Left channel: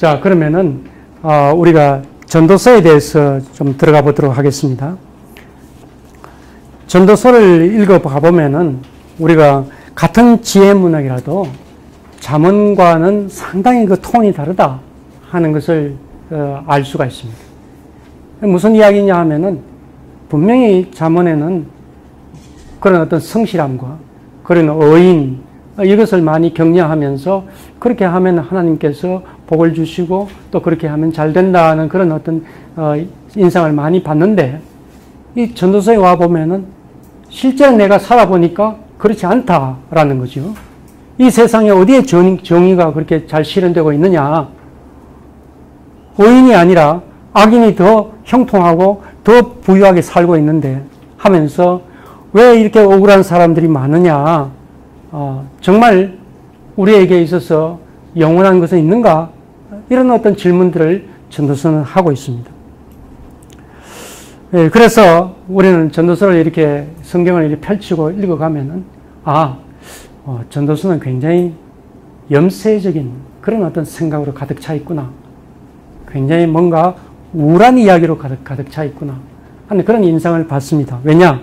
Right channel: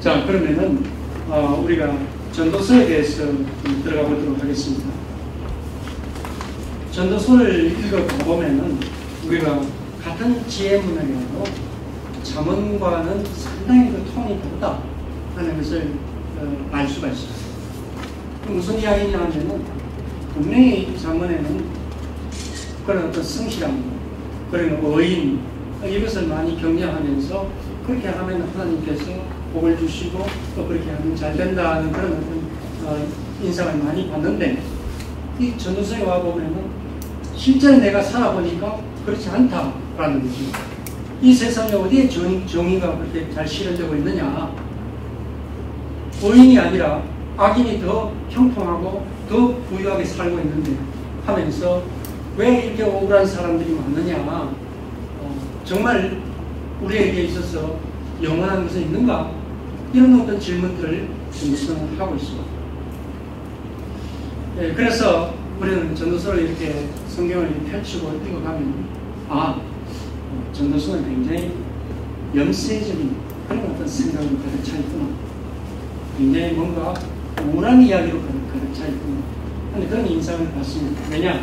자, 그러면은 우리가 전도서에 대해서 좀 들어가 보도록 하겠습니다. 전도서를 읽어봐 보면은 우리가 같은 지혜문학이라도 잠언과는 상당히 그 톤이 다르다 하는 것을 알 수가 있습니다. 무슨 이야기냐 하면은 분명히 잠언에는 그런 어떤 성실함과 그런 어인 이것을 많이 격려하면서 그렇게 하면 하나님께서 복을 주시고 또 그렇게 하면 잘 된다는 그런 어떤 인상을 많이 받는데 이 전도서에 와 보면은 실제로 내가 살아보니까 그렇지 않다라는 거죠. 이 세상에 어디에 정의가 그렇게 잘 실현되고 있느냐? 의인이 아니라 악인이 더 형통하고 더 부유하게 살고 있는데 하면서 왜 이렇게 억울한 사람들이 많으냐? 정말 우리에게 있어서 영원한 것은 있는가? 이런 어떤 질문들을 전도서는 하고 있습니다. 예, 그래서 우리는 전도서를 이렇게 성경을 이렇게 펼치고 읽어가면은 전도서는 굉장히 염세적인 그런 어떤 생각으로 가득 차 있구나. 굉장히 뭔가 우울한 이야기로 가득 차 있구나 하는 그런 인상을 받습니다. 왜냐?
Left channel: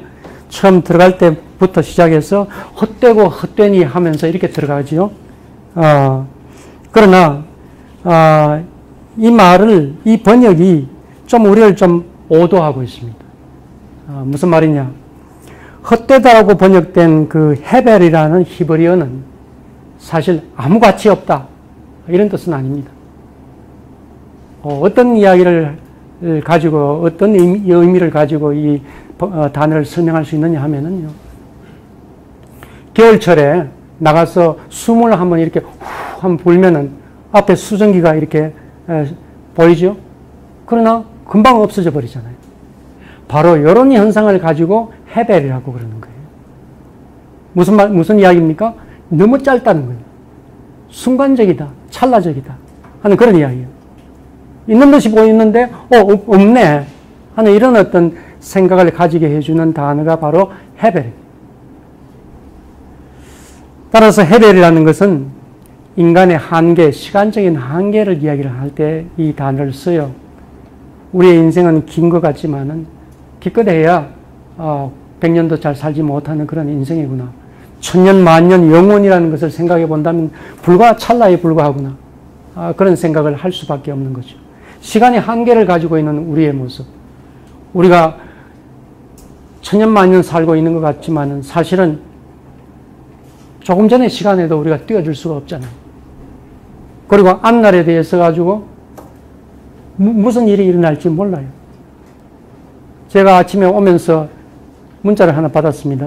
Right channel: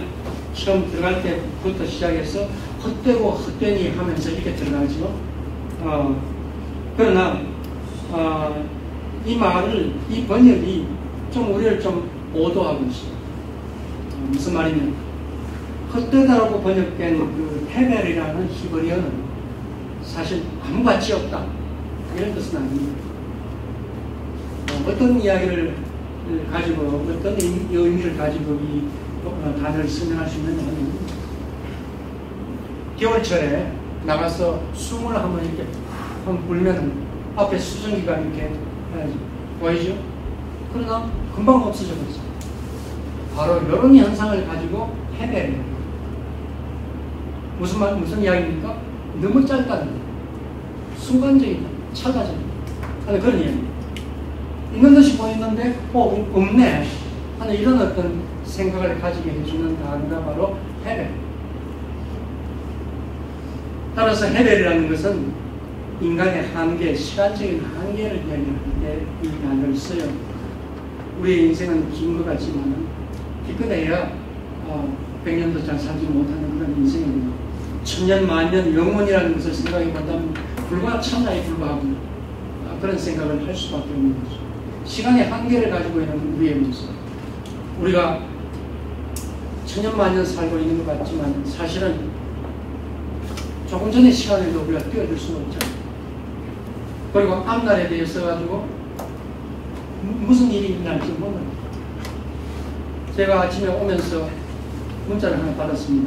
처음 들어갈 때부터 시작해서 헛되고 헛되니 하면서 이렇게 들어가지요. 그러나 이 말을, 이 번역이 좀 우리를 좀 오도하고 있습니다. 무슨 말이냐? 헛되다라고 번역된 그 헤벨이라는 히브리어는 사실 아무 가치 없다 이런 뜻은 아닙니다. 어떤 이야기를 가지고 어떤 의미를 가지고 이 단어를 설명할 수 있느냐 하면은 겨울철에 나가서 숨을 한번 이렇게 한번 불면은 앞에 수증기가 이렇게 보이죠? 그러나 금방 없어져 버리잖아요. 바로 이런 현상을 가지고 헤벨이라고 그러는 거예요. 무슨 이야기입니까? 너무 짧다는 거예요. 순간적이다, 찰나적이다 하는 그런 이야기예요. 있는 듯이 보이는데 없네 하는 이런 어떤 생각을 가지게 해주는 단어가 바로 헤벨. 따라서 헤벨이라는 것은 인간의 한계, 시간적인 한계를 이야기를 할 때 이 단어를 써요. 우리의 인생은 긴 것 같지만은 기껏해야 100년도 잘 살지 못하는 그런 인생이구나. 천년, 만년, 영원이라는 것을 생각해 본다면 불과 찰나에 불과하구나. 그런 생각을 할 수밖에 없는 거죠. 시간의 한계를 가지고 있는 우리의 모습. 우리가 천년, 만년 살고 있는 것 같지만 사실은 조금 전의 시간에도 우리가 뛰어들 수가 없잖아요. 그리고 앞날에 대해서 가지고 무슨 일이 일어날지 몰라요. 제가 아침에 오면서 문자를 하나 받았습니다.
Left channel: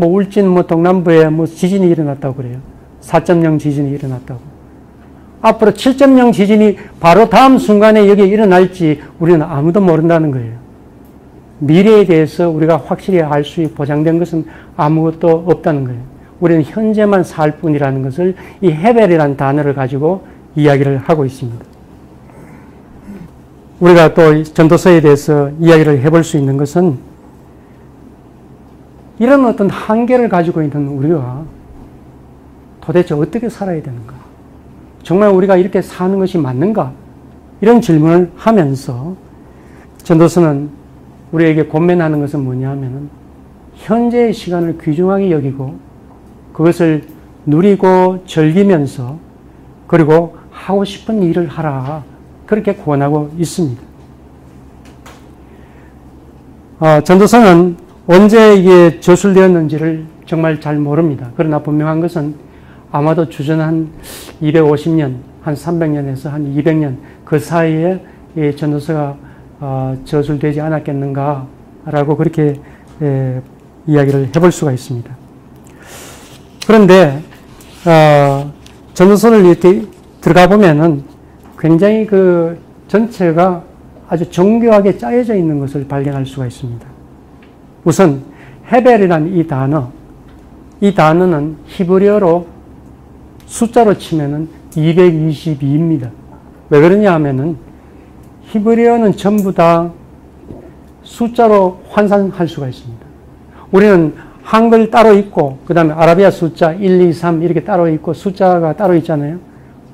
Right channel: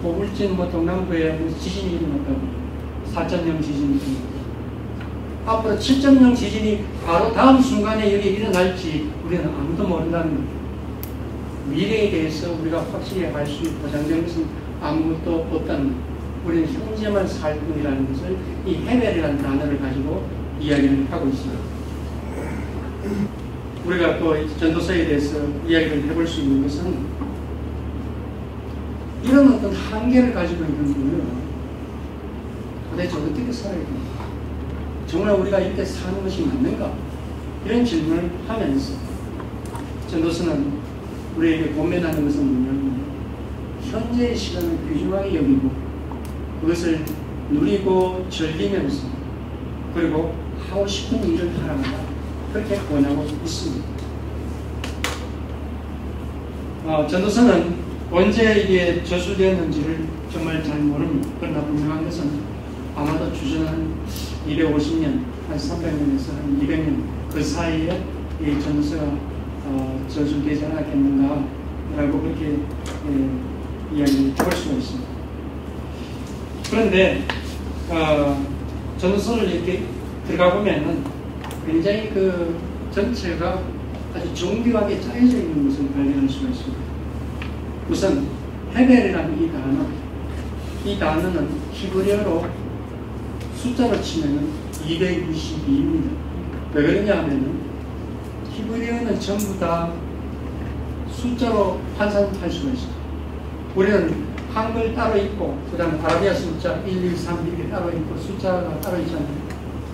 울진 동남부에 지진이 일어났다고 그래요. 4.0 지진이 일어났다고. 앞으로 7.0 지진이 바로 다음 순간에 여기에 일어날지 우리는 아무도 모른다는 거예요. 미래에 대해서 우리가 확실히 알 수 보장된 것은 아무것도 없다는 거예요. 우리는 현재만 살 뿐이라는 것을 이 헤벨이라는 단어를 가지고 이야기를 하고 있습니다. 우리가 또 전도서에 대해서 이야기를 해볼 수 있는 것은 이런 어떤 한계를 가지고 있는 우리가 도대체 어떻게 살아야 되는가? 정말 우리가 이렇게 사는 것이 맞는가? 이런 질문을 하면서 전도서는 우리에게 권면하는 것은 뭐냐면 현재의 시간을 귀중하게 여기고 그것을 누리고 즐기면서 그리고 하고 싶은 일을 하라. 그렇게 권하고 있습니다. 전도서는 언제 이게 저술되었는지를 정말 잘 모릅니다. 그러나 분명한 것은 아마도 주전 한 250년, 한 300년에서 한 200년 그 사이에 이 전도서가 저술되지 않았겠는가라고 그렇게 이야기를 해볼 수가 있습니다. 그런데 전도서를 이렇게 들어가 보면은 굉장히 그 전체가 아주 정교하게 짜여져 있는 것을 발견할 수가 있습니다. 우선 헤벨이라는 이 단어는 히브리어로 숫자로 치면은 222입니다. 왜 그러냐 하면은 히브리어는 전부 다 숫자로 환산할 수가 있습니다. 우리는 한글 따로 있고 그 다음에 아라비아 숫자 1, 2, 3 이렇게 따로 있고 숫자가 따로 있잖아요.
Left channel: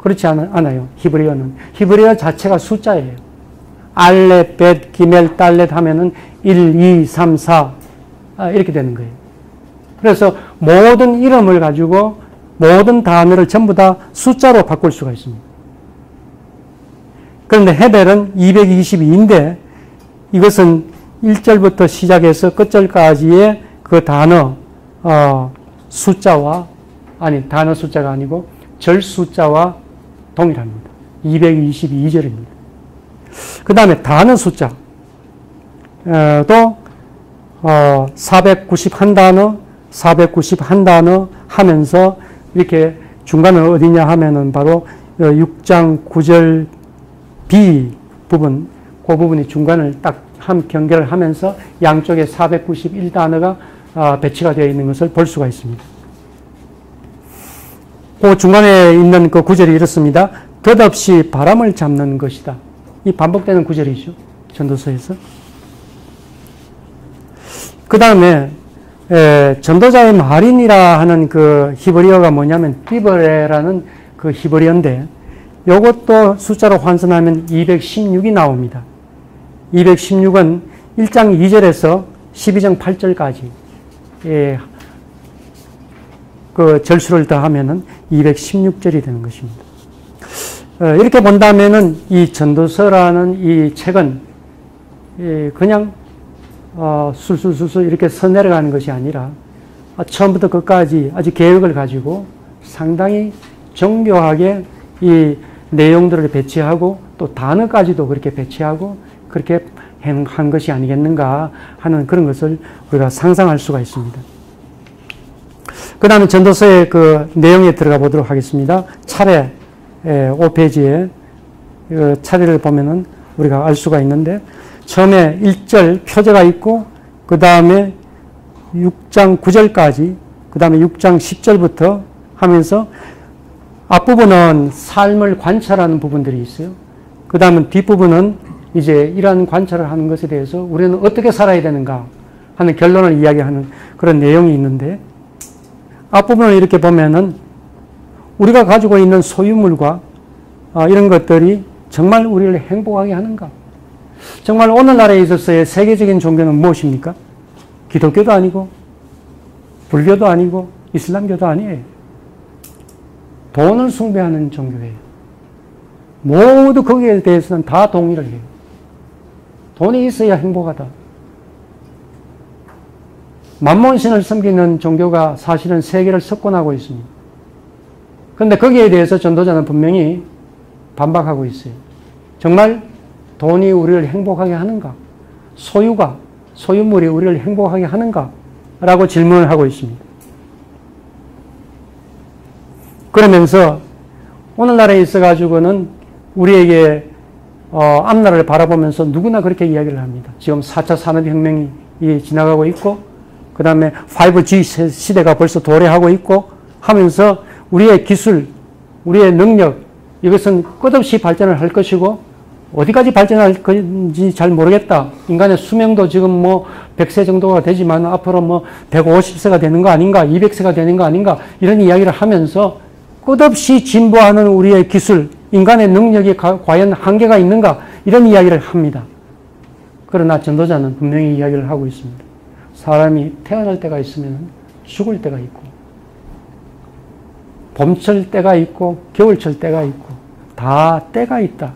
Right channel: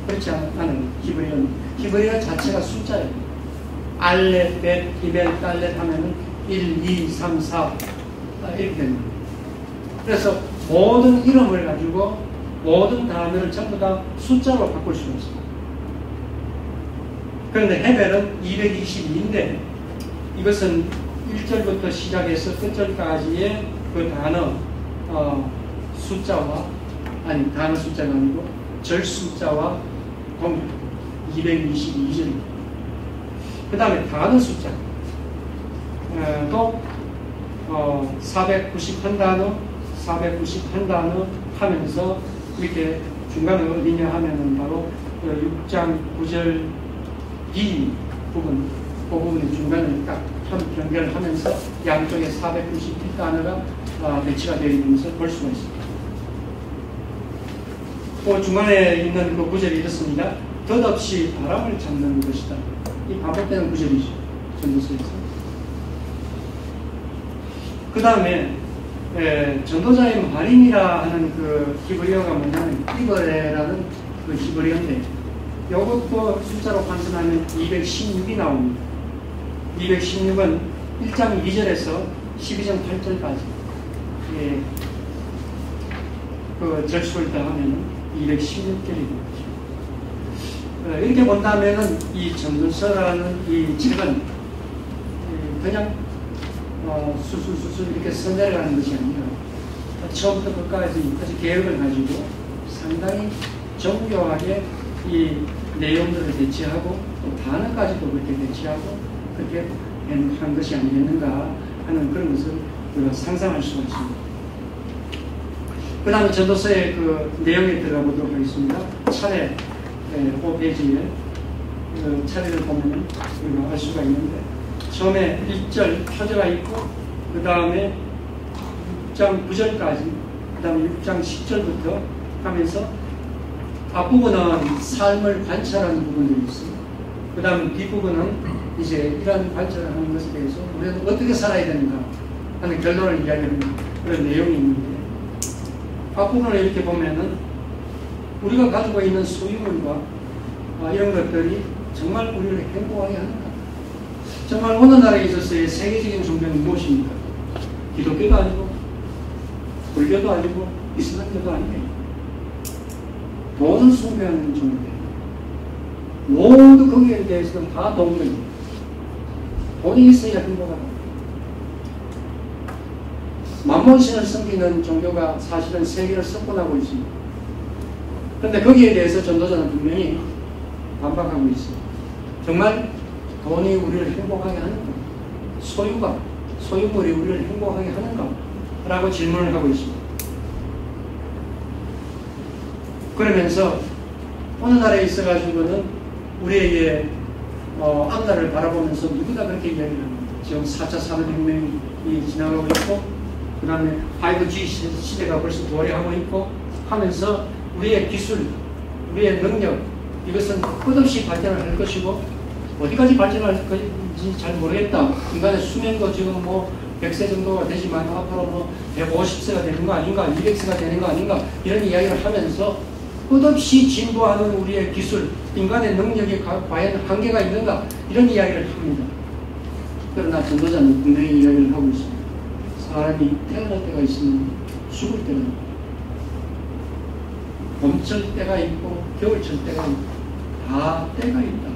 그렇지 않아요. 히브리어는. 히브리어 자체가 숫자예요. 알렛, 벳, 기멜, 달렛 하면은 1, 2, 3, 4 이렇게 되는 거예요. 그래서 모든 이름을 가지고 모든 단어를 전부 다 숫자로 바꿀 수가 있습니다. 그런데 헤벨은 222인데 이것은 1절부터 시작해서 끝절까지의 그 단어 숫자와 단어 숫자가 아니고 절 숫자와 동일합니다. 222절입니다. 그 다음에 단어 숫자 또 491단어 491단어 하면서 이렇게 중간은 어디냐 하면은 바로 6장 9절 B 부분 그 부분이 중간을 딱 한 경계를 하면서 양쪽에 491단어가 배치가 되어 있는 것을 볼 수가 있습니다. 그 중간에 있는 그 구절이 이렇습니다. 덧없이 바람을 잡는 것이다. 이 반복되는 구절이죠. 전도서에서. 그 다음에 전도자의 말인이라 하는 그 히브리어가 뭐냐면 띠브레라는 그 히브리어인데 이것도 숫자로 환산하면 216이 나옵니다. 216은 1장 2절에서 12장 8절까지 그 절수를 더하면은 216절이 되는 것입니다. 이렇게 본다면은 이 전도서라는 이 책은 그냥 술술술술 이렇게 써내려가는 것이 아니라 처음부터 끝까지 아주 계획을 가지고 상당히 정교하게 이 내용들을 배치하고 또 단어까지도 그렇게 배치하고 그렇게 한 것이 아니겠는가 하는 그런 것을 우리가 상상할 수가 있습니다. 그 다음에 전도서의 그 내용에 들어가 보도록 하겠습니다. 차례 5페이지에 차례를 보면은 우리가 알 수가 있는데 처음에 1절 표제가 있고 그 다음에 6장 9절까지 그 다음에 6장 10절부터 하면서 앞부분은 삶을 관찰하는 부분들이 있어요. 그 다음에 뒷부분은 이제 이러한 관찰을 하는 것에 대해서 우리는 어떻게 살아야 되는가 하는 결론을 이야기하는 그런 내용이 있는데 앞부분을 이렇게 보면은 우리가 가지고 있는 소유물과 이런 것들이 정말 우리를 행복하게 하는가? 정말 오늘날에 있어서의 세계적인 종교는 무엇입니까? 기독교도 아니고 불교도 아니고 이슬람교도 아니에요. 돈을 숭배하는 종교예요. 모두 거기에 대해서는 다 동일해요. 돈이 있어야 행복하다. 만몬신을 섬기는 종교가 사실은 세계를 석권하고 있습니다. 그런데 거기에 대해서 전도자는 분명히 반박하고 있어요. 정말 돈이 우리를 행복하게 하는가? 소유물이 우리를 행복하게 하는가? 라고 질문을 하고 있습니다. 그러면서 오늘날에 있어가지고는 우리에게 앞날을 바라보면서 누구나 그렇게 이야기를 합니다. 지금 4차 산업혁명이 지나가고 있고 그 다음에 5G 시대가 벌써 도래하고 있고 하면서 우리의 기술, 우리의 능력 이것은 끝없이 발전을 할 것이고 어디까지 발전할 건지 잘 모르겠다. 인간의 수명도 지금 뭐 100세 정도가 되지만 앞으로 뭐 150세가 되는 거 아닌가 200세가 되는 거 아닌가 이런 이야기를 하면서 끝없이 진보하는 우리의 기술, 인간의 능력이 과연 한계가 있는가 이런 이야기를 합니다. 그러나 전도자는 분명히 이야기를 하고 있습니다. 사람이 태어날 때가 있으면 죽을 때가 있고 봄철 때가 있고 겨울철 때가 있고 다 때가 있다.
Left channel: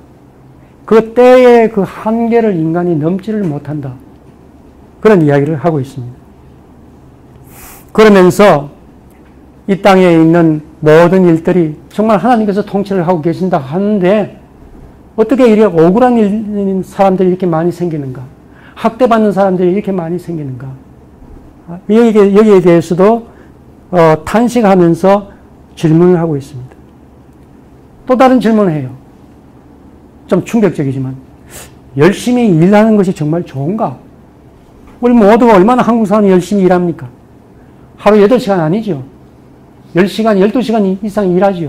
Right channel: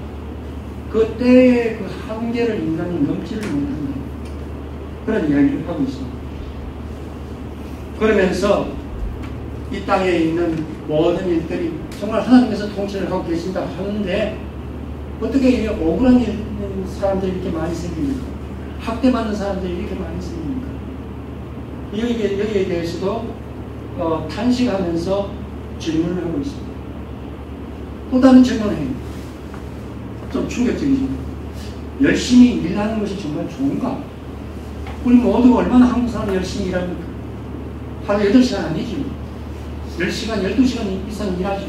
그 때의 그 한계를 인간이 넘지를 못한다. 그런 이야기를 하고 있습니다. 그러면서 이 땅에 있는 모든 일들이 정말 하나님께서 통치를 하고 계신다 하는데 어떻게 이렇게 억울한 사람들이 이렇게 많이 생기는가? 학대받는 사람들이 이렇게 많이 생기는가? 여기에 대해서도 탄식하면서 질문을 하고 있습니다. 또 다른 질문을 해요. 좀 충격적이지만 열심히 일하는 것이 정말 좋은가? 우리 모두가 얼마나 한국 사람이 열심히 일합니까? 하루 8시간 아니죠. 10시간, 12시간 이상 일하죠.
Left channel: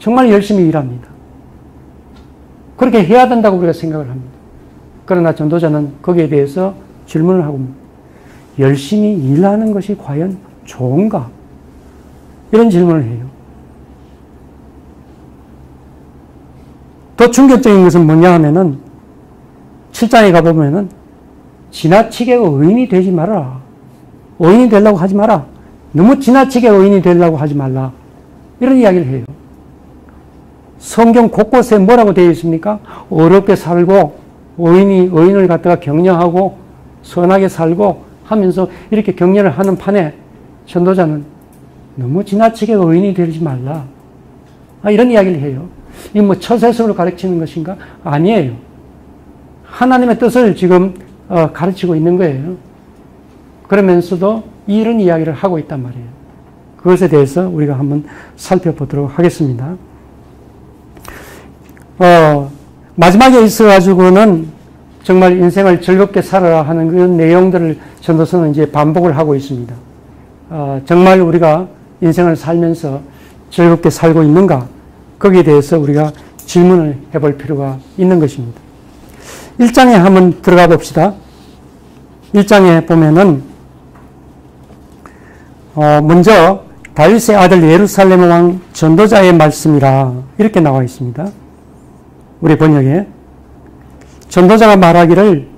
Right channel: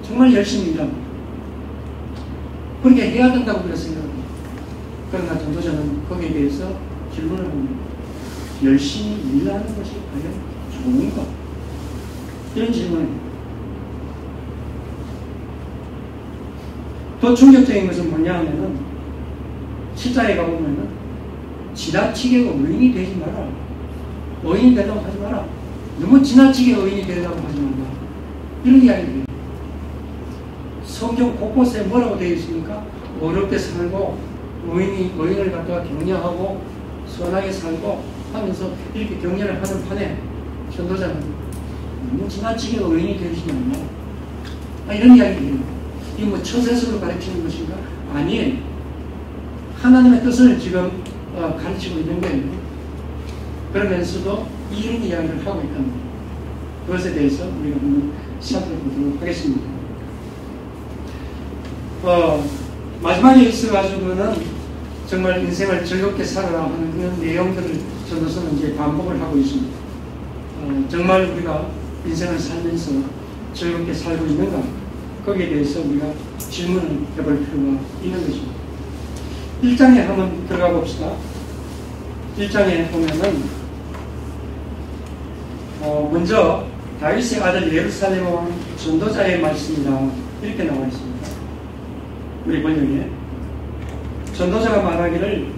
정말 열심히 일합니다. 그렇게 해야 된다고 우리가 생각을 합니다. 그러나 전도자는 거기에 대해서 질문을 하고 있습니다. 열심히 일하는 것이 과연 좋은가? 이런 질문을 해요. 더 충격적인 것은 뭐냐 하면은 7장에 가보면은 지나치게 의인이 되지 마라. 의인이 되려고 하지 마라. 너무 지나치게 의인이 되려고 하지 말라. 이런 이야기를 해요. 성경 곳곳에 뭐라고 되어 있습니까? 어렵게 살고 의인을 갖다가 격려하고 선하게 살고 하면서 이렇게 격려를 하는 판에 전도자는 너무 지나치게 의인이 되지 말라. 이런 이야기를 해요. 이게 뭐 처세술을 가르치는 것인가? 아니에요. 하나님의 뜻을 지금 가르치고 있는 거예요. 그러면서도 이런 이야기를 하고 있단 말이에요. 그것에 대해서 우리가 한번 살펴보도록 하겠습니다. 마지막에 있어가지고는 정말 인생을 즐겁게 살아라 하는 그런 내용들을 전도서는 이제 반복을 하고 있습니다. 정말 우리가 인생을 살면서 즐겁게 살고 있는가? 거기에 대해서 우리가 질문을 해볼 필요가 있는 것입니다. 1장에 한번 들어가 봅시다. 1장에 보면은 먼저 다윗의 아들 예루살렘 왕 전도자의 말씀이라 이렇게 나와 있습니다. 우리 번역에 전도자가 말하기를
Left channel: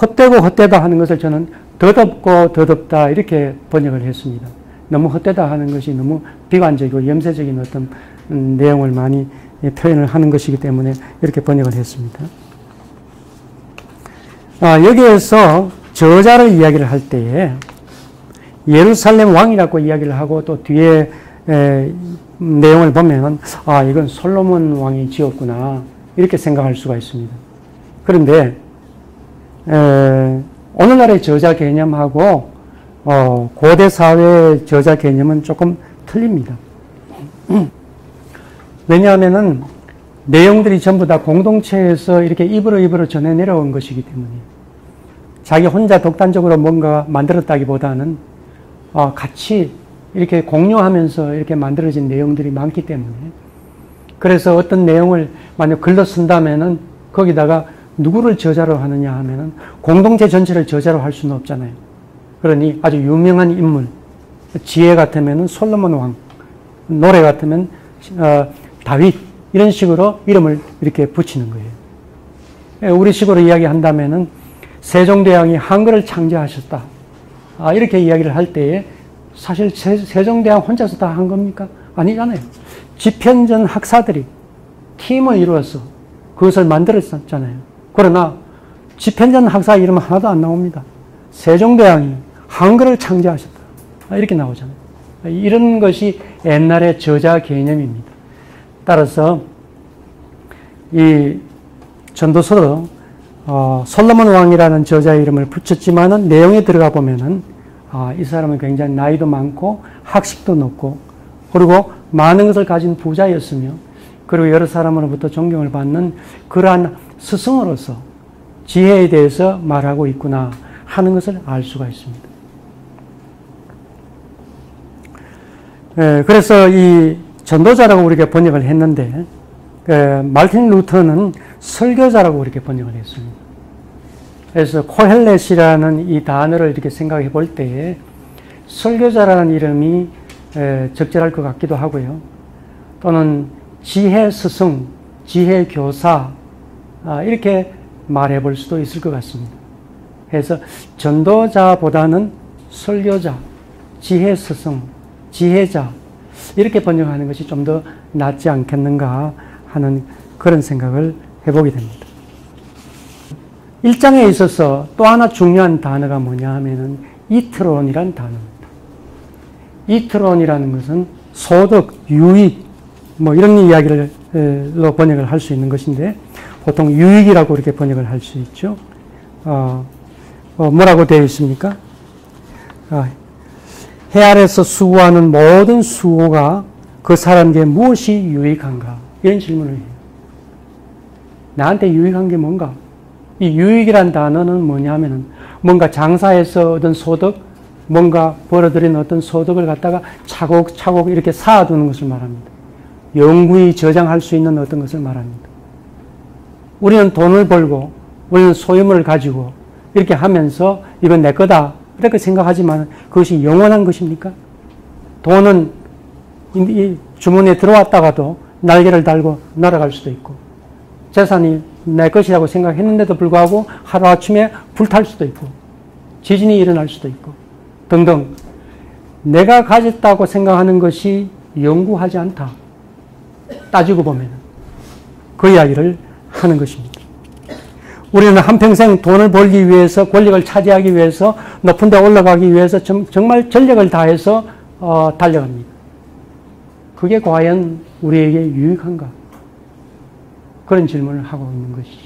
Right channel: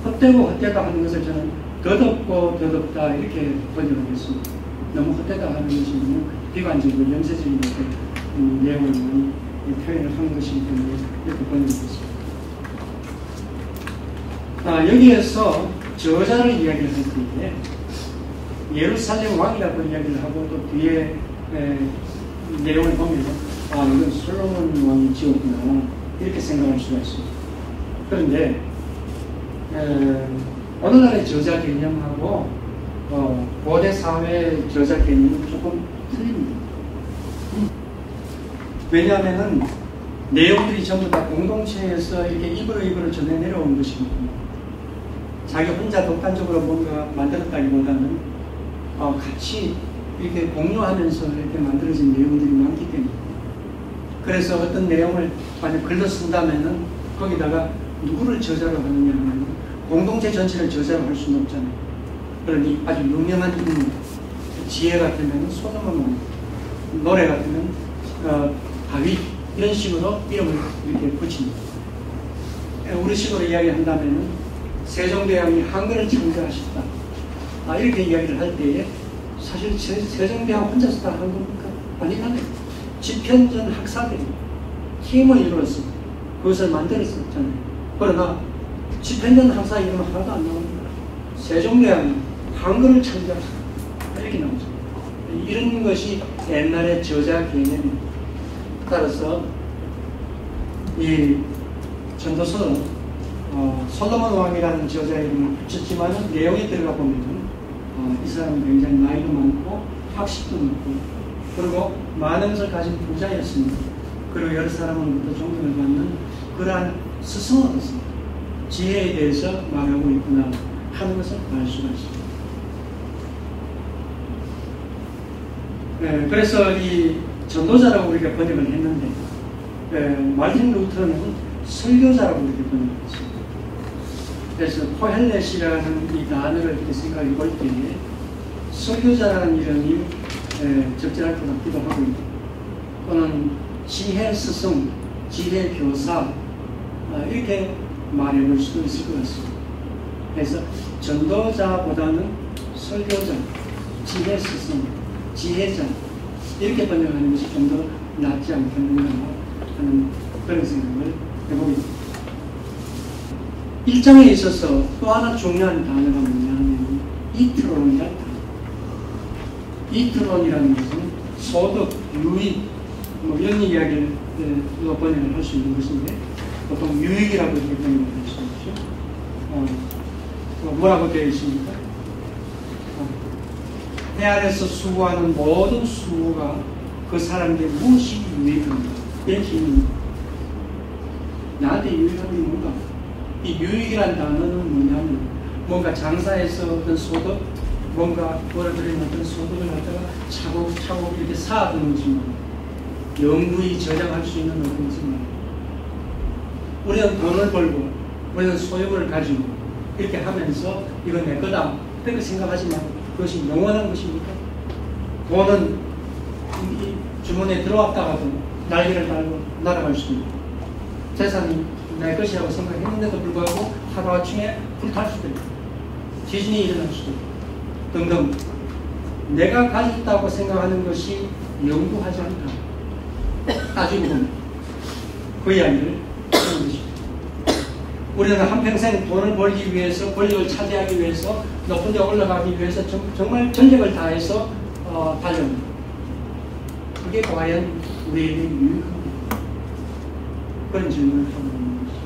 헛되고 헛되다 하는 것을 저는 더덥고 더덥다 이렇게 번역을 했습니다. 너무 헛되다 하는 것이 너무 비관적이고 염세적인 어떤 내용을 많이 표현을 하는 것이기 때문에 이렇게 번역을 했습니다. 여기에서 저자를 이야기를 할 때에 예루살렘 왕이라고 이야기를 하고 또 뒤에 내용을 보면 이건 솔로몬 왕이 지었구나 이렇게 생각할 수가 있습니다. 그런데 오늘날의 저자 개념하고 고대 사회의 저자 개념은 조금 틀립니다. 왜냐하면은 내용들이 전부 다 공동체에서 이렇게 입으로 전해 내려온 것이기 때문에 자기 혼자 독단적으로 뭔가 만들었다기보다는 같이 이렇게 공유하면서 이렇게 만들어진 내용들이 많기 때문에 그래서 어떤 내용을 만약 글로 쓴다면은 거기다가 누구를 저자로 하느냐 하면은 공동체 전체를 저자로 할 수는 없잖아요. 그러니 아주 유명한 인물, 지혜 같으면은 솔로몬 왕, 노래 같으면 다윗 이런 식으로 이름을 이렇게 붙이는 거예요. 우리식으로 이야기한다면은 세종대왕이 한글을 창제하셨다. 이렇게 이야기를 할 때에 사실 세종대왕 혼자서 다 한 겁니까? 아니잖아요. 집현전 학사들이 팀을 이루어서 그것을 만들었었잖아요. 그러나 집현전 학사 이름은 하나도 안 나옵니다. 세종대왕이 한글을 창제하셨다. 이렇게 나오죠. 이런 것이 옛날의 저자 개념입니다. 따라서 이 전도서도 솔로몬 왕이라는 저자 이름을 붙였지만은 내용에 들어가 보면은 이 사람은 굉장히 나이도 많고 학식도 높고 그리고 많은 것을 가진 부자였으며 그리고 여러 사람으로부터 존경을 받는 그러한 스승으로서 지혜에 대해서 말하고 있구나 하는 것을 알 수가 있습니다. 그래서 이 전도자라고 우리가 번역을 했는데 말틴 루터는 설교자라고 이렇게 번역을 했습니다. 그래서 코헬렛이라는 이 단어를 이렇게 생각해 볼 때에 설교자라는 이름이 적절할 것 같기도 하고요. 또는 지혜 스승, 지혜 교사 이렇게 말해 볼 수도 있을 것 같습니다. 그래서 전도자보다는 설교자, 지혜 스승, 지혜자 이렇게 번역하는 것이 좀 더 낫지 않겠는가 하는 그런 생각을 해보게 됩니다. 1장에 있어서 또 하나 중요한 단어가 뭐냐 하면은 이트론이라는 단어입니다. 이트론이라는 것은 소득, 유익 뭐 이런 이야기로 번역을 할 수 있는 것인데 보통 유익이라고 이렇게 번역을 할 수 있죠. 뭐라고 되어 있습니까? 해 아래서 수고하는 모든 수고가 그 사람에게 무엇이 유익한가? 이런 질문입니다. 나한테 유익한 게 뭔가? 이 유익이란 단어는 뭐냐면 뭔가 장사해서 얻은 소득, 뭔가 벌어들인 어떤 소득을 갖다가 차곡차곡 이렇게 쌓아두는 것을 말합니다. 영구히 저장할 수 있는 어떤 것을 말합니다. 우리는 돈을 벌고 우리는 소유물을 가지고 이렇게 하면서 이건 내 거다 이렇게 생각하지만 그것이 영원한 것입니까? 돈은 이 주머니에 들어왔다가도 날개를 달고 날아갈 수도 있고 재산이 내 것이라고 생각했는데도 불구하고 하루아침에 불탈 수도 있고 지진이 일어날 수도 있고 등등 내가 가졌다고 생각하는 것이 영구하지 않다. 따지고 보면 그 이야기를 하는 것입니다. 우리는 한평생 돈을 벌기 위해서 권력을 차지하기 위해서 높은 데 올라가기 위해서 정말 전력을 다해서 달려갑니다. 그게 과연 우리에게 유익한가? 그런 질문을 하고 있는 것이죠.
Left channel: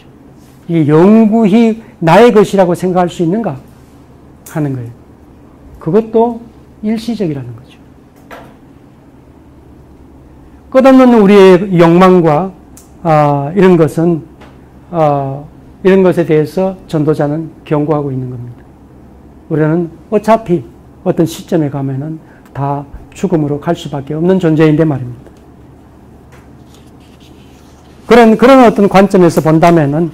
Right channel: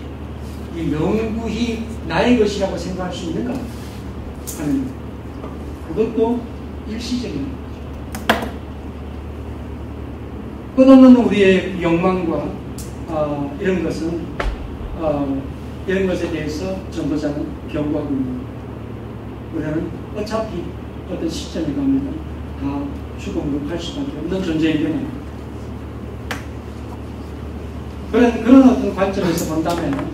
이 영구히 나의 것이라고 생각할 수 있는가? 하는 거예요. 그것도 일시적이라는 거죠. 끝없는 우리의 욕망과 이런 것은 이런 것에 대해서 전도자는 경고하고 있는 겁니다. 우리는 어차피 어떤 시점에 가면은 다 죽음으로 갈 수밖에 없는 존재인데 말입니다. 그런 어떤 관점에서 본다면은,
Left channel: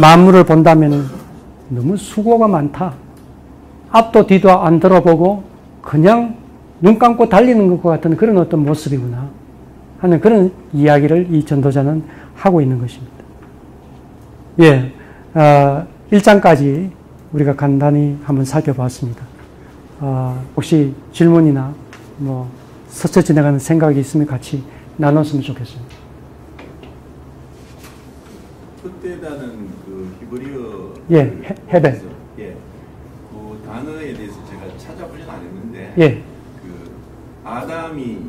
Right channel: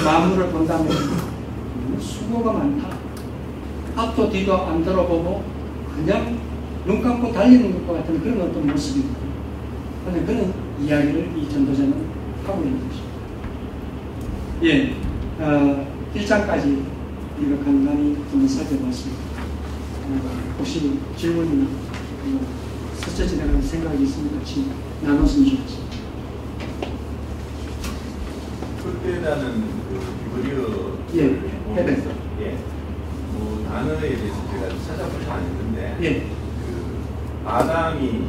만물을 본다면은 너무 수고가 많다. 앞도 뒤도 안 돌아보고 그냥 눈 감고 달리는 것과 같은 그런 어떤 모습이구나 하는 그런 이야기를 이 전도자는 하고 있는 것입니다. 예, 1장까지 우리가 간단히 한번 살펴봤습니다. 혹시 질문이나 뭐 스쳐 지나가는 생각이 있으면 같이 나눴으면 좋겠습니다. 그때라는 그 히브리어 예, 헤벨. 예, 단어에 대해서 제가 찾아보지 않았는데 예. 그 아담이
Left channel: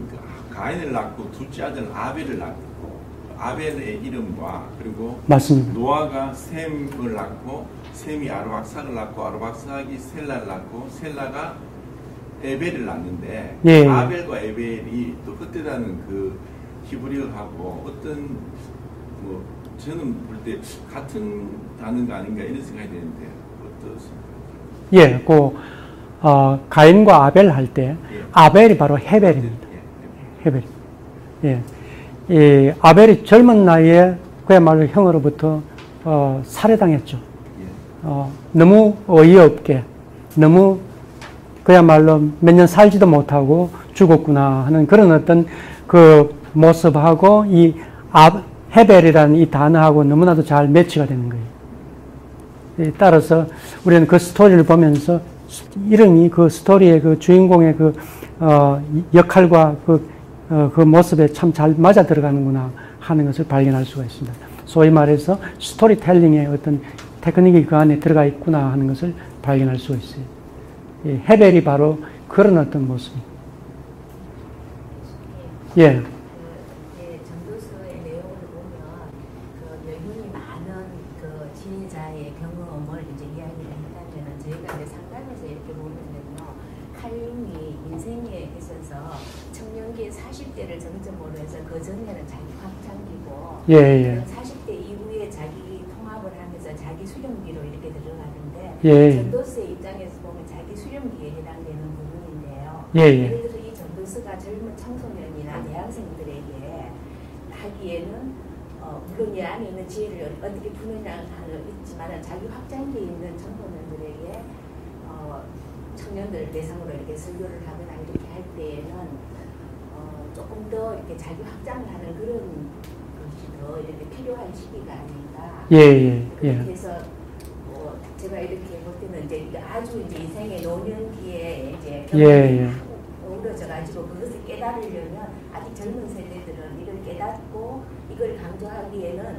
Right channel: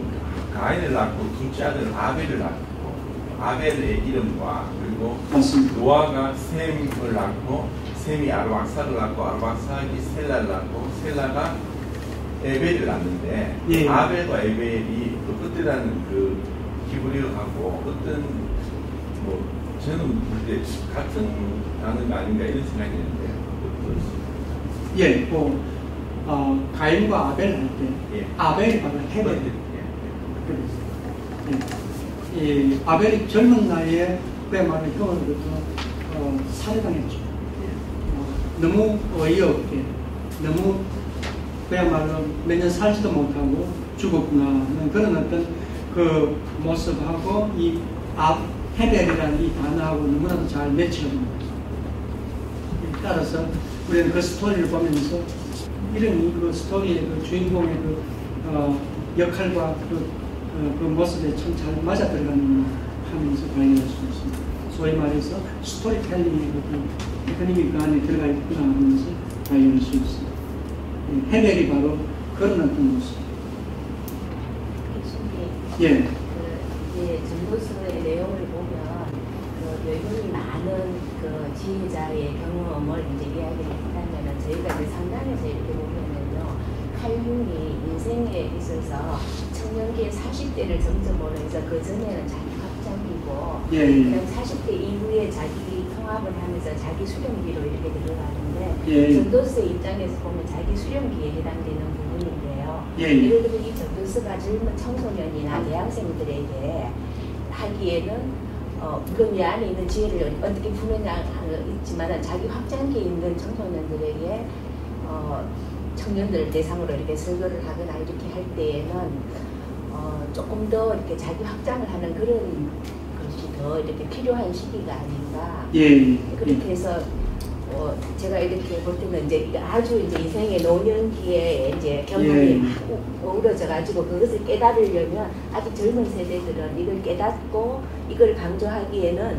가인을 낳고 둘째 아들 아벨을 낳고 아벨의 이름과 그리고 맞습니다. 노아가 셈을 낳고 셈이 아르박사를 낳고 아르박사가 셀라를 낳고 셀라가 에벨을 낳는데 예. 아벨과 에벨이 또 그때라는 그 히브리어하고 어떤 뭐 저는 그때 같은 단어가 아닌가 이런 생각이 드는데 어떠세요? 예, 가인과 아벨 할 때 예. 아벨이 바로 헤벨입니다. 헤벨. 예. 이 아벨이 젊은 나이에 그야말로 형으로부터 살해당했죠. 너무 어이없게 너무 그야말로 몇 년 살지도 못하고 죽었구나 하는 그런 어떤 그 모습하고 이 헤벨이라는 이 단어하고 너무나도 잘 매치가 되는 거예요. 따라서 우리는 그 스토리를 보면서 이런 그 스토리의 그 주인공의 그 역할과 그 모습에 참 잘 맞아 들어가는구나 하는 것을 발견할 수가 있습니다. 소위 말해서 스토리텔링의 어떤 테크닉이 그 안에 들어가 있구나 하는 것을 발견할 수 있습니다. 헤벨이 바로 그런 어떤 모습입니다. 예. 전도서의 내용을 보면 여인이 많은 지혜자의 경험을 이제 이야기를 했다면은 저희가 이제 상담에서 이렇게 보면은요, 칼륨이 인생에 있어서 청년기의 40대를 정점으로 해서 그 전에는 자기 확장기고, 예. 40대 이후에 자기 통합을 하면서 자기 수련기로 이렇게 들어가는데, 예. 전도서의 입장에서 보면 자기 수련기에 해당되는 부분인데요. 예. 예를 들어 이 전도서가 젊은 청소년이나 대학생들에게 하기에는 물론 이 안에 있는 지혜를 어떻게 푸느냐 하는 있지만 자기 확장기에 있는 청소년들에게 청년들을 대상으로 이렇게 설교를 하거나 이렇게 할 때에는 조금 더 이렇게 자기 확장을 하는 그런 것이 더 이렇게 필요한 시기가 아닌가. 예. 그렇게 해서 제가 이렇게 볼 때는 이제 아주 이제 인생의 노년기에 이제 경험이 어우러져 가지고 그것을 깨달으려면 아직 젊은 세대들은 이걸 깨닫고 이걸 강조하기에는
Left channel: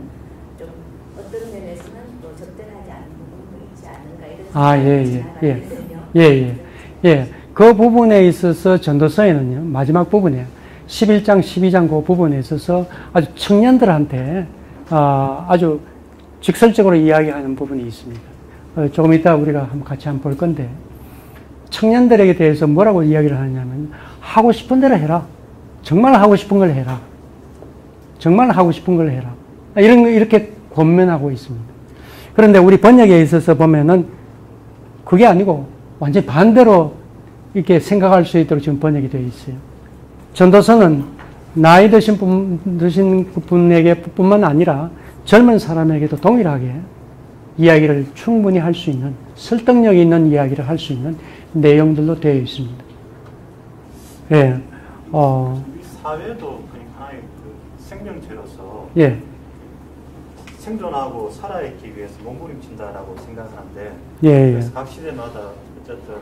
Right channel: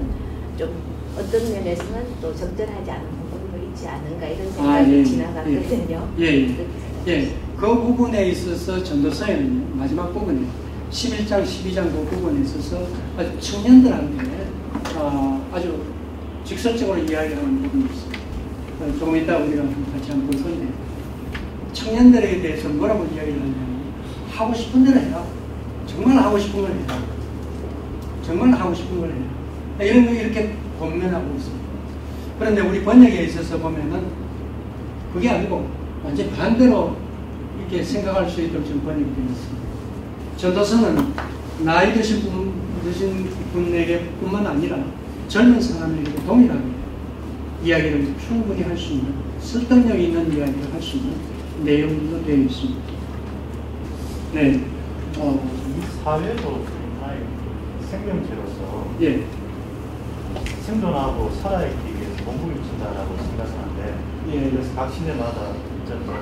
좀 어떤 면에서는 또 적절하지 않은 부분이 있지 않은가 이런 생각이 지나가거든요. 예. 그 부분에 있어서 전도서에는 마지막 부분에 11장, 12장 그 부분에 있어서 아주 청년들한테 아주 직설적으로 이야기하는 부분이 있습니다. 조금 이따 우리가 같이 한번 볼 건데, 청년들에게 대해서 뭐라고 이야기를 하냐면, 하고 싶은 대로 해라. 정말 하고 싶은 걸 해라. 정말 하고 싶은 걸 해라. 이렇게 권면하고 있습니다. 그런데 우리 번역에 있어서 보면은 그게 아니고 완전히 반대로 이렇게 생각할 수 있도록 지금 번역이 되어 있어요. 전도서는 나이 드신 분에게 뿐만 아니라 젊은 사람에게도 동일하게 이야기를 충분히 할 수 있는, 설득력 있는 이야기를 할 수 있는 내용들로 되어 있습니다. 예. 사회도 하나의 생명체로서 생존하고 살아있기 위해서 공부를 친다라고 생각하는데 예. 그래서 각 시대마다 어쨌든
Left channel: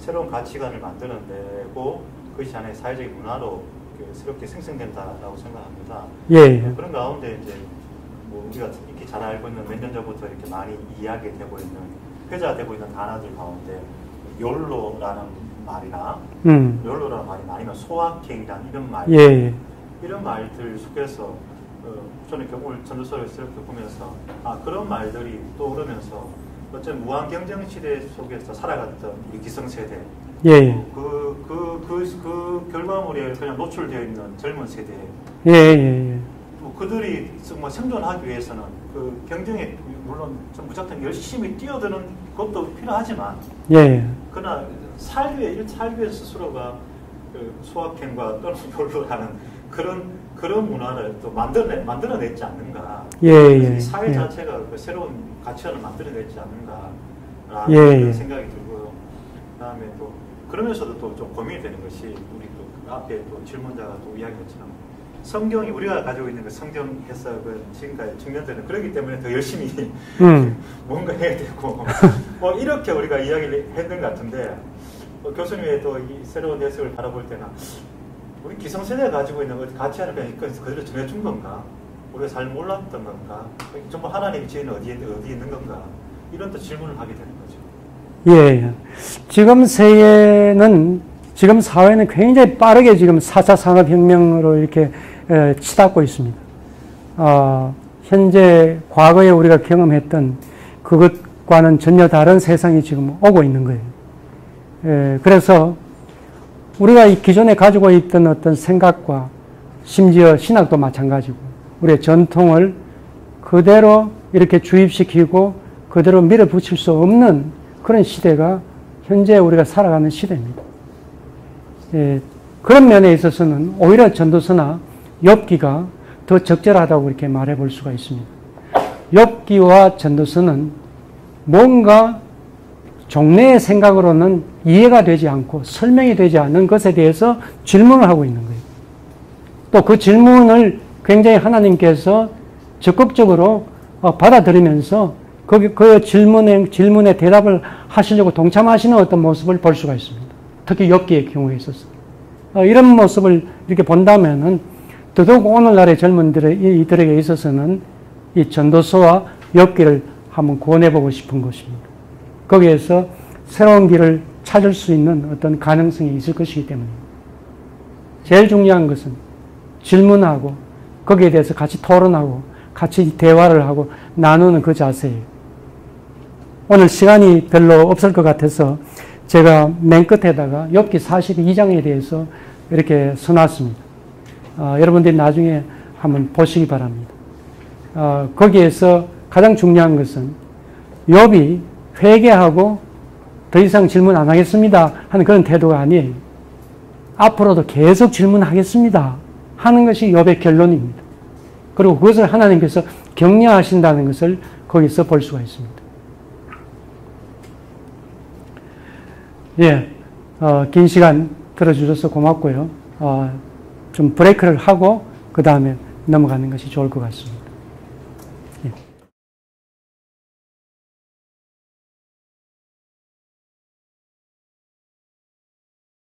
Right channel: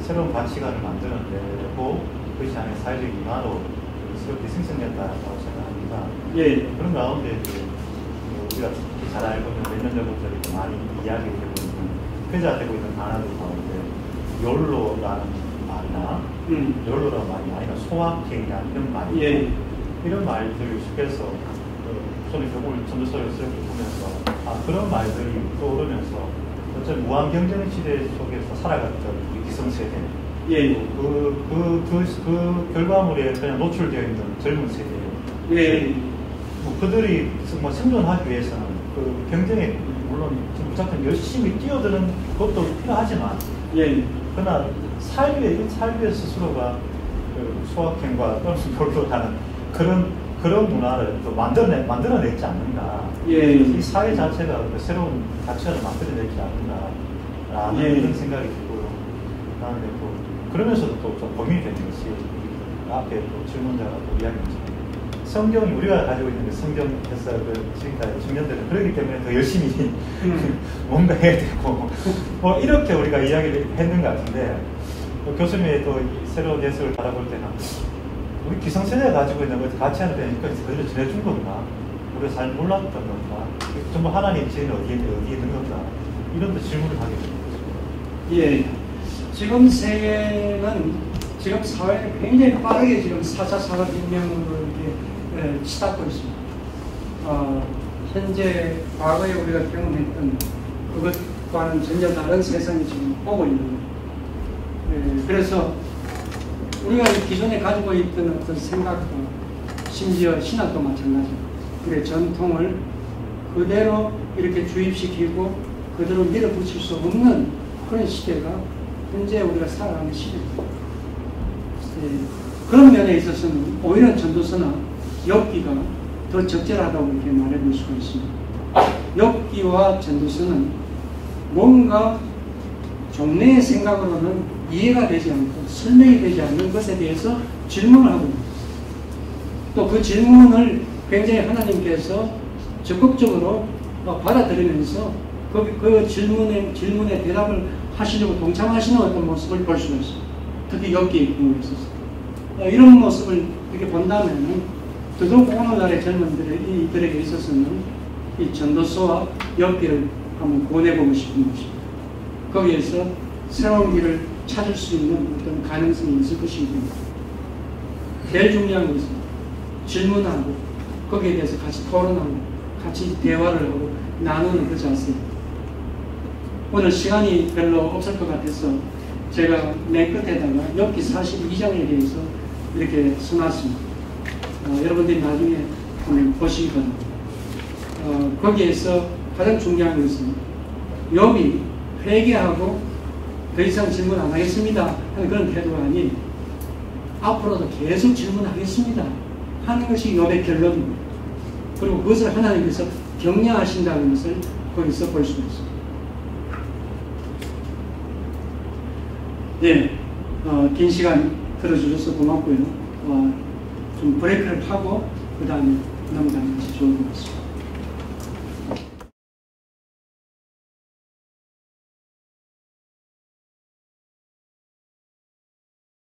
새로운 가치관을 만들어내고 그것이 안에 사회적 문화로 그렇게 생성했다라고 생각합니다. 예. 그런 가운데 이제 우리가 특히 잘 알고 있는 몇 년 전부터 이렇게 많이 이야기되고 있는 회자되고 있는 단어들 가운데 욜로라는 말이나 욜로라는 말이나 소확행이나 이런 말 이런 말들 속에서 저는 이제 오늘 전도서를 보면서 그런 말들이 떠오르면서 어쨌든 무한 경쟁 시대 속에서 살아갔던 이 기성세대 그 결과물에 그냥 노출되어 있는 젊은 세대 그들이 정말 생존하기 위해서는 그 경쟁에 물론 무작정 열심히 뛰어드는 것도 필요하지만 그러나 삶의 스스로가 그 소확행과 똘똘하는 그런 문화를 또 만들어냈지 않는가. 이 사회 자체가 그 새로운 가치를 만들어냈지 않는가. 이런 생각이 들고요. 그다음에 또 그러면서도 또 좀 고민이 되는 것이 우리 앞에 또 질문자가 또 이야기한 것처럼 성경이 우리가 가지고 있는 그 성경에서 그 지금까지 직면되는 그렇기 때문에 더 열심히 뭔가 해야 되고 뭐 이렇게 우리가 이야기를 했는 것 같은데 교수님의 또 새로운 예술을 바라볼 때는 우리 기성세대가 가지고 있는 그 가치하는 배니까 그대로 전해준 건가? 우리가 잘 몰랐던 건가? 전부 하나님 지혜는 어디에 있는 건가? 이런 또 질문을 하게 되는 거죠. 지금 세계는, 지금 사회는 굉장히 빠르게 지금 4차 산업혁명으로 이렇게 치닫고 있습니다. 현재 과거에 우리가 경험했던 그것과는 전혀 다른 세상이 지금 오고 있는 거예요. 그래서 우리가 기존에 가지고 있던 어떤 생각과 심지어 신학도 마찬가지고 우리의 전통을 그대로 이렇게 주입시키고 그대로 밀어붙일 수 없는 그런 시대가 현재 우리가 살아가는 시대입니다. 그런 면에 있어서는 오히려 전도서나 욥기가 더 적절하다고 이렇게 말해볼 수가 있습니다. 욥기와 전도서는 뭔가 종래의 생각으로는 이해가 되지 않고 설명이 되지 않는 것에 대해서 질문을 하고 있는 거예요. 또 그 질문을 굉장히 하나님께서 적극적으로 받아들이면서 그 질문에 대답을 하시려고 동참하시는 어떤 모습을 볼 수가 있습니다. 특히 욥기의 경우에 있어서. 이런 모습을 이렇게 본다면은 더더욱 오늘날의 젊은이들에게 있어서는 이 전도서와 욥기를 한번 권해보고 싶은 것입니다. 거기에서 새로운 길을 찾을 수 있는 어떤 가능성이 있을 것이기 때문에 제일 중요한 것은 질문하고 거기에 대해서 같이 토론하고 같이 대화를 하고 나누는 그 자세예요. 오늘 시간이 별로 없을 것 같아서 제가 맨 끝에다가 욥기 42장에 대해서 이렇게 써놨습니다. 여러분들이 나중에 한번 보시기 바랍니다. 거기에서 가장 중요한 것은 욥이 회개하고 더 이상 질문 안 하겠습니다 하는 그런 태도가 아니에요. 앞으로도 계속 질문하겠습니다 하는 것이 욥의 결론입니다. 그리고 그것을 하나님께서 격려하신다는 것을 거기서 볼 수가 있습니다. 긴 시간 들어주셔서 고맙고요. 좀 브레이크를 하고 그 다음에 넘어가는 것이 좋을 것 같습니다.